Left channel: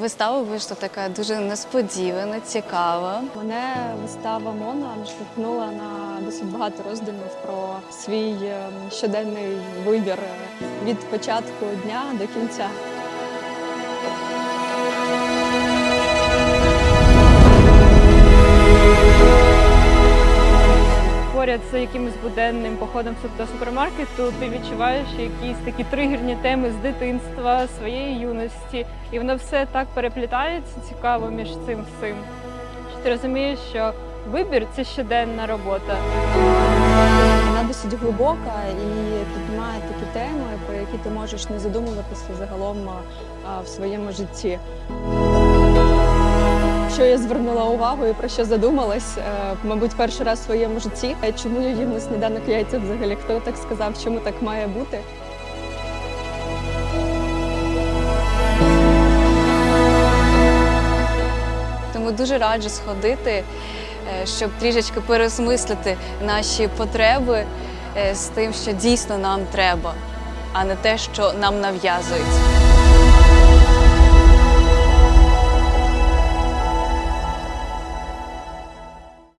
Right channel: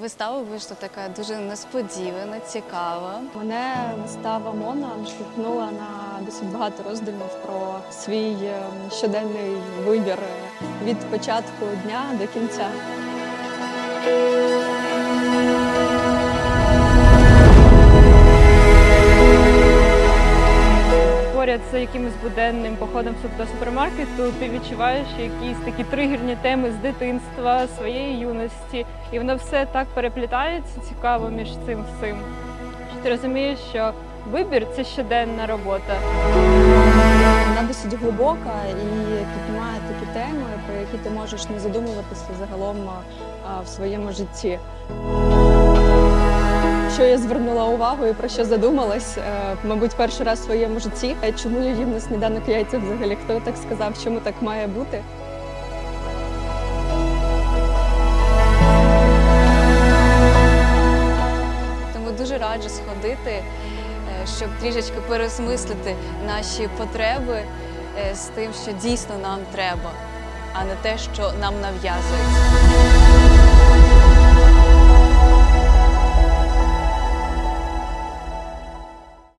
Вистава вийшла така дуже несподівана, цікава. Мене вистава Мона наштовхнула на досить багато роздумів про свій е, щоденний вибір від початку дня до кінця. Поряд з якимось буденним походом до супермаркету, ти відчуваєш якісь такі тригерні теми з дитинства, своєї юності, і воно все так переплітається цікаво між цим всім. Ти розумієш, що вибір це щоденна робота. Вона досить глибока і піднімає такі теми, про які ти можеш не задумуватися загалом в своєму житті. Що я звернула увагу і про що задумалась, е, мабуть, перший раз в своєму житті. Е, Чому я їм на сніданок яйця взагалі? Хто так сказав, чому так має бути? Тому дуже раджу сходити, е, щоб трішечки переосмислити наші потреби з тим, що дійсно нам треба, а не те, що нам нав'язують.